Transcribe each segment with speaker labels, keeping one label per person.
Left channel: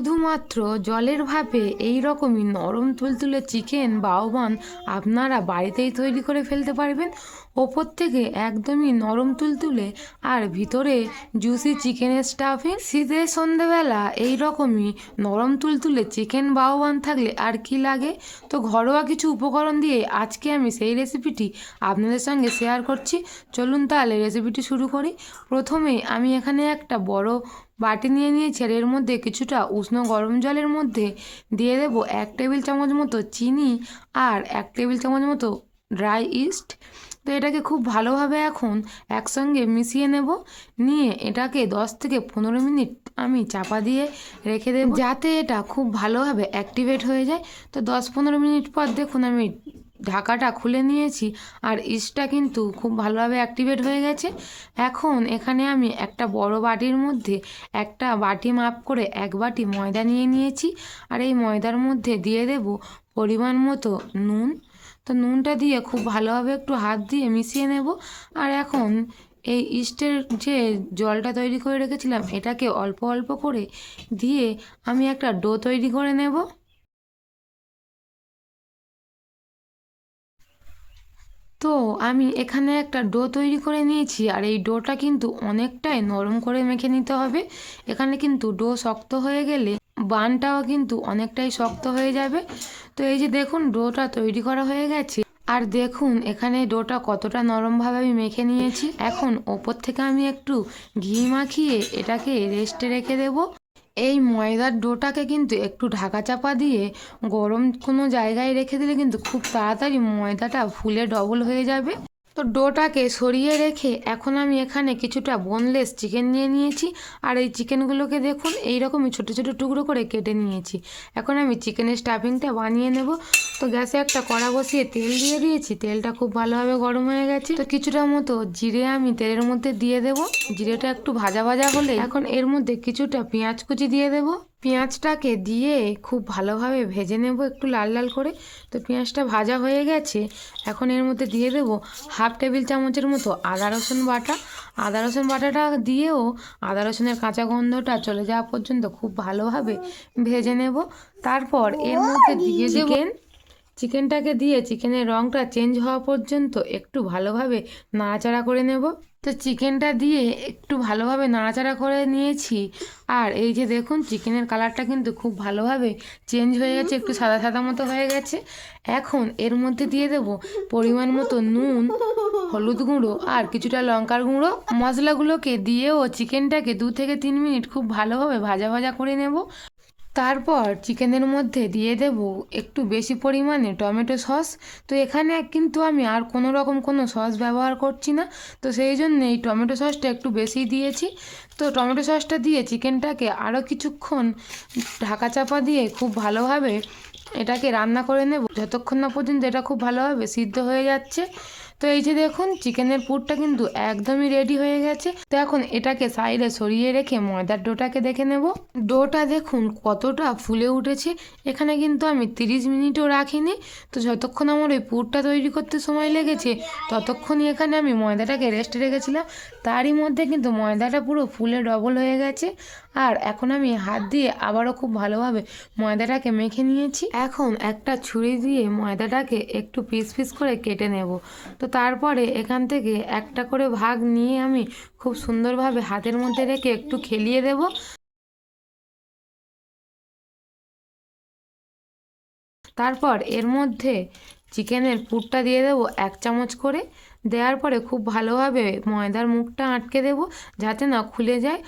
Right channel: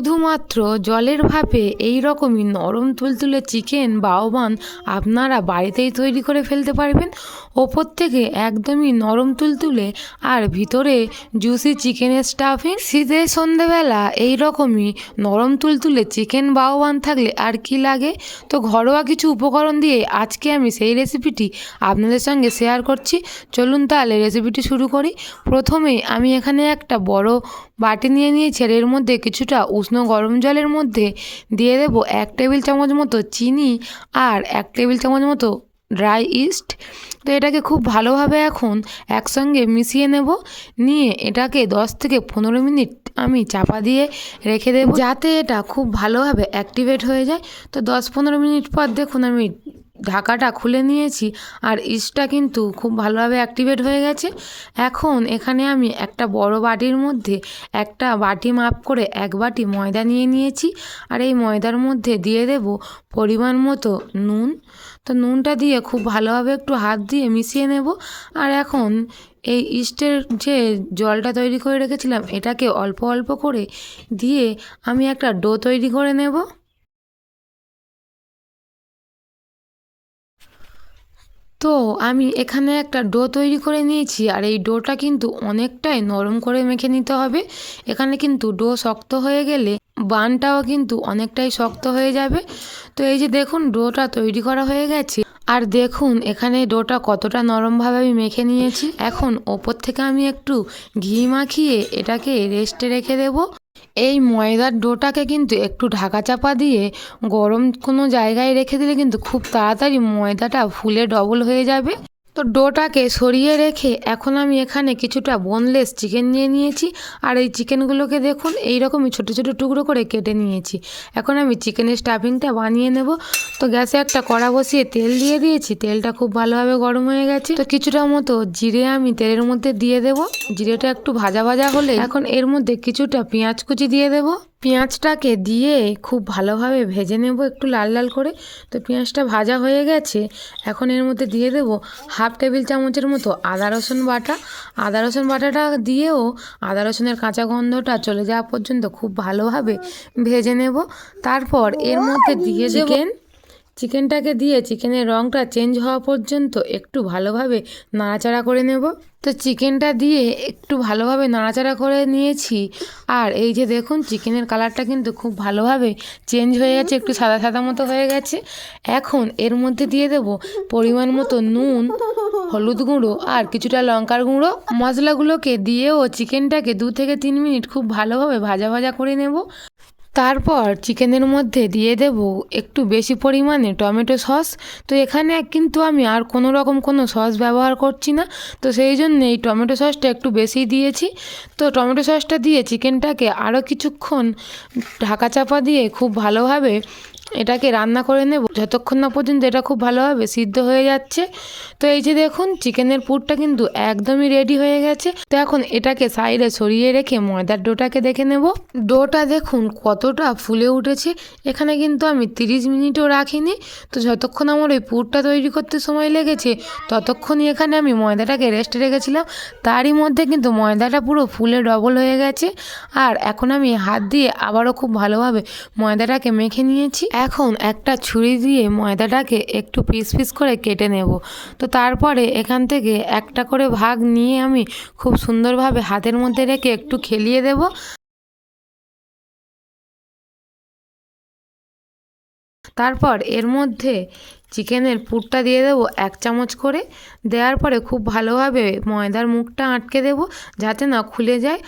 Speaker 1: শুধুমাত্র জলের ভাপে এই রকমই নরম তুলতুলে চিকেন বাওবান আপনারা বাড়িতেই তৈরি করে ফেলতে পারবেন। ওপর থেকে একদমই নরম তুলতুলে আর ভিতরে জুসি চিকেনের স্টাফিং শীতের সন্ধেবেলা এই রকমই নরম তুলতুলে চিকেন বাওবান থাকলে আর কি লাগে? তো ঘরোয়া কিছু উপকরণ দিয়ে আজকে আমি সেই রেসিপিটি আপনাদের সঙ্গে শেয়ার করছি। চলুন তাহলে রেসিপিটি শুরু করি। প্রথমে আমি এখানে একটা বড় বাটি নিয়ে নিয়েছি এর মধ্যে কিছুটা উষ্ণ গরম জলের মধ্যে দিয়ে দেব এক টেবিল চামচ মতো চিনি আর এক টেবিল চামচ মতো ড্রাই ইস্ট। তো এটাকে খুব ভালোভাবে এখন একসঙ্গে মিশিয়ে নেব। নিয়ে এটাকে দশ থেকে পনেরো মিনিট আমি চাপা দিয়ে রেখে দেব। যাতে এটা খুব ভালোভাবে অ্যাক্টিভেট হয়ে যায়। তো দশ পনেরো মিনিট পর দেখুন আমি ঢাকাটা খুলে নিয়েছি আর ইস্টটা কিন্তু খুব ভালোভাবে অ্যাক্টিভেট হয়ে গেছে। এখন এখানে আমি একটা বড় বাটির মধ্যে একটা বাটি মাপ করে এক বাটি ময়দা নিয়ে নিয়েছি। আর এই ময়দার মধ্যে দিয়ে দেব পরিমাণ মতো নুন তো নুনটা দিয়ে খুব ভালোভাবে একটু হাত দিয়ে মিশিয়ে নেব। আর এখন এই ইস্টের যে জলটা তৈরি করে রেখেছিলাম, এটাকে অল্প অল্প করে দিয়ে আমি একটা ডো তৈরি করে নেব। তো আমি এখানে একটা ডো তৈরি করে নিয়েছি, আর এই ডোটা কিন্তু অনেকটাই নরম করে মেখে নিতে হবে। এখানে কিন্তু ডো শক্ত হয়ে গেলে বানটাও কিন্তু অনেকটাই শক্ত হয়ে যাবে। তো এই যে দেখুন, ডোটা তৈরি করা হয়ে গেছে। আর দেখুন, এখানে ডোটা কতটা নরমভাবে আমি মেখে নিয়েছি। এখন ওপর থেকে আমি একটু ঘি মাখিয়ে এটাকে রেস্টে রেখে দেবো। এই ময়দার ডোটাকে কিন্তু একটু ঢাকা চাপা দিয়ে গরম কোনো জায়গায় রেখে দিলে কিন্তু খুব তাড়াতাড়ি ময়দাটা ফুলে ডবল হয়ে যাবে। তো ডোটাকে সরিয়ে রেখে এখন আমি এখানে কিছুটা বোনলেস চিকেন নিয়ে নিয়েছি। আর এই চিকেনগুলোকে দেখুন এই রকমই ছোটো ছোটো টুকরো করে কেটে নিয়েছি। এখন আমি চিকেনের স্টাফিংটা বানিয়ে নেব। তো গ্যাসে একটা কড়া বসিয়ে তেল দিয়ে দিয়েছি। তেলটা খুব ভালোভাবে গরম হয়ে গেছে। তো কিছুটা মতো জিরে আমি তেলের মধ্যে দিয়ে দেব। জিরেটা একটু ভাজা ভাজা হলে এখন এর মধ্যে কিছুটা পেঁয়াজ কুচি দিয়ে দেবো। পেঁয়াজটাকে দিয়ে খুব ভালোভাবে ভেজে নেব একটু লাল লাল করে। তো পেঁয়াজটা ভাজা হয়ে গেছে এখন এর মধ্যে দিয়ে দেবো হাফ টেবিল চামচের মতো আদা রসুন বাটা। আদা রসুন বাটাটা দিয়েও আদা রসুনের কাঁচা গন্ধটা চলে যাওয়া পর্যন্ত খুব ভালোভাবে ভেজে নেব। তারপর এর মধ্যে দিয়ে চিকেন চিকেনটাকে দিয়ে চিকেনের রঙটা চেঞ্জ হওয়া পর্যন্ত একটু ভালোভাবে নাড়াচাড়া করে নেব। তো চিকেনটা দিয়ে একটু ভালোভাবে নাড়াচাড়া করে নিয়েছি। আর এই যে দেখুন, চিকেনের কালারটা কিন্তু খুব ভালোভাবে চেঞ্জ হয়ে গেছে, একটু সাদা সাদা মতো হয়ে গেছে। এখন এর মধ্যে দিয়ে দেব পরিমাণ মতো নুন, হলুদ গুঁড়ো আর কিছুটা লঙ্কার গুঁড়ো। মশলাগুলোকে দিয়েও চিকেনটাকে দু থেকে তিন মিনিট খুব ভালোভাবে ভাজা ভাজা করে নেব। তারপর চিকেনের মধ্যে দিয়ে দেব একটু বেশি পরিমাণে টমেটো সস। তো এখানে কিন্তু আমি আর কোনো রকম কোনো সস ব্যবহার করছি না। তো সেই জন্য এই টমেটো সসটা একটু বেশি দিয়েছি। তো টমেটো সসটা দিয়ে চিকেনটাকে আরও কিছুক্ষণ ঢাকা চাপা দিয়ে খুব ভালোভাবে এটাকে রান্না করে নেব। যতক্ষণ না পর্যন্ত এটা খুব ভালোভাবে সিদ্ধ হয়ে যাচ্ছে। তো এই যে দেখুন, চিকেনের পুরটা কিন্তু একদমই রেডি হয়ে গেছে। তো এখন এটাকে সাইডে সরিয়ে রেখে ময়দার ডোটাকে দেখে নেব। ডোটা দেখুন কতটা ফুলে উঠেছে। এখানে কিন্তু আমি তিরিশ মিনিটও রাখিনি। তো যতক্ষণ আমার ওই পুরটা তৈরি করতে সময় লেগেছে, ততক্ষণই এখানে আমি ময়দাটাকে রেস্টে রেখেছিলাম। তারই মধ্যে কিন্তু ময়দাটা পুরো ফুলে ডবল হয়ে গেছে। আর এখন আমি হাত দিয়ে আবারও খুব ভালোভাবে ময়দাটাকে মেখে নিয়েছি। এখন একটা ছুরি দিয়ে ময়দাটাকে একটু পিস পিস করে কেটে নেব। তো তারপরে এখান থেকে একটা করে ভাগ নিয়ে আমি খুব সুন্দরভাবে হাতের মধ্যে রেখে একটু খেলিয়ে দেব। তারপর এর মধ্যে চিকেনের পুরটা দিয়ে দেবো এক চামচ করে। দেওয়ার পরে খুব ভালোভাবে ময়দার মুখটা আটকে দেবো যাতে না খুলে যায়।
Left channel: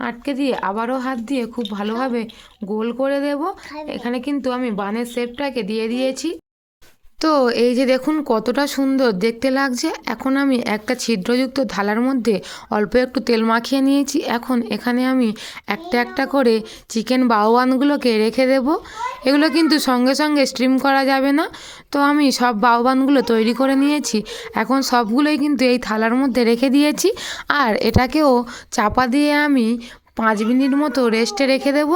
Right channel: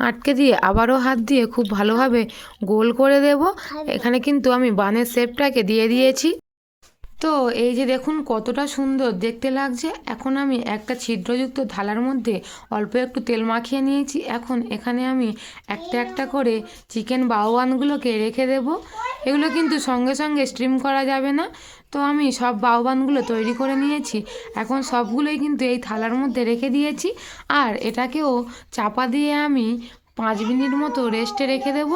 Speaker 1: আটকে দিয়ে আবারও হাত দিয়ে খুব ভালোভাবে গোল করে দেব। এখানে কিন্তু আমি বানের শেপটাকে দিয়ে দিয়েছি। তো এই যে দেখুন কতটা সুন্দর। দেখতে লাগছে এখন আমি একটা ছিদ্রযুক্ত থালার মধ্যে অল্প একটু তেল মাখিয়ে নিয়েছি। এখন এখানে আমি একটা একটা করে চিকেন বাউবানগুলোকে রেখে দেব। এগুলো কিন্তু সঙ্গে সঙ্গে স্ট্রিম করা যাবে না। তো আমি সব বাউবানগুলো তৈরি করে নিয়েছি। এখন সবগুলোই কিন্তু এই থালার মধ্যে রেখে দিয়েছি। আর এটাকেও চাপা দিয়ে আমি পাঁচ মিনিট মতো রেস্টে রেখে দেব।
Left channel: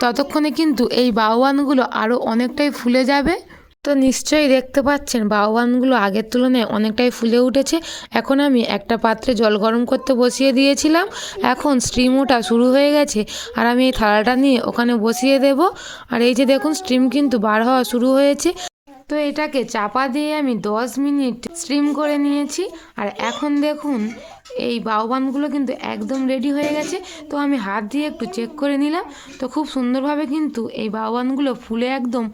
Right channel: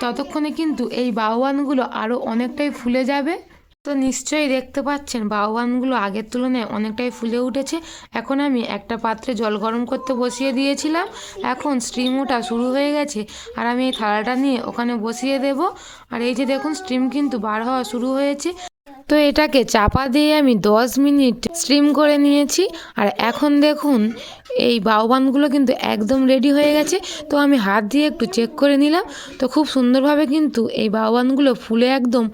Speaker 1: ততক্ষণে কিন্তু এই বাউবানগুলো আরও অনেকটাই ফুলে যাবে। তো নিশ্চয়ই দেখতে পাচ্ছেন বাউবানগুলো আগের তুলনায় অনেকটাই ফুলে উঠেছে। এখন আমি একটা পাত্রে জল গরম করতে বসিয়ে দিয়েছিলাম। এখন স্টিম ওটা শুরু হয়ে গেছে আর আমি এই থালাটা নিয়ে ওখানে বসিয়ে দেব। আর এই যে দেখুন, স্টিম কিন্তু বার হওয়া শুরু হয়েছে। তো এটাকে চাপা দিয়ে আমি দশ মিনিট স্টিম করে নিয়েছি। আর এখন দেখুন, এই বাউবানগুলো কিন্তু একদম রেডি হয়ে গেছে। তো আমি হাত দিয়ে একটু চেক করে নিলাম। তো খুব সুন্দরভাবে কিন্তু এই বাউবানগুলো ফুলে একদম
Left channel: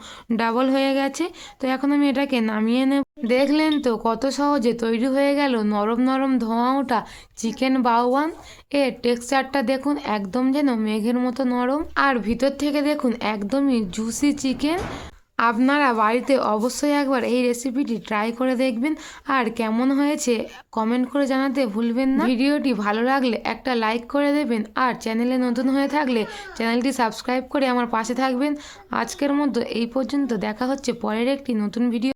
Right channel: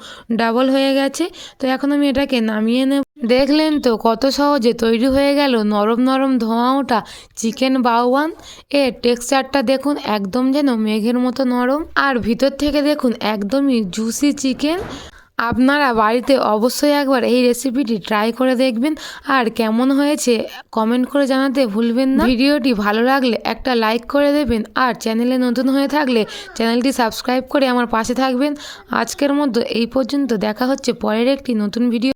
Speaker 1: ডাবল হয়ে গেছে। তো এখন আমি এটাকে নামিয়ে নেব। দেখলেন তো কত সহজে তৈরি হয়ে গেল নরম নরম ধোঁয়া ওঠা চিকেন বাউয়ান এর টেক্সচারটা দেখুন একদম যেন মেঘের মতো নরম। আর ভিতর থেকে দেখুন একদমই জুসি চিকেন আপনারা বাড়িতে অবশ্যই একবার এই রেসিপিটি ট্রাই করে দেখবেন। আর কেমন হয়েছে কমেন্ট করে জানাতে ভুলবেন না। ভিডিওটি ভালো লাগলে একটা লাইক করে দেবেন। আর চ্যানেলে নতুন হয়ে থাকলে চ্যানেলটি সাবস্ক্রাইব করে আমার পাশে থাকবেন। আজকের মতো এই পর্যন্ত। দেখা হচ্ছে পরের একটি নতুন ভিডিও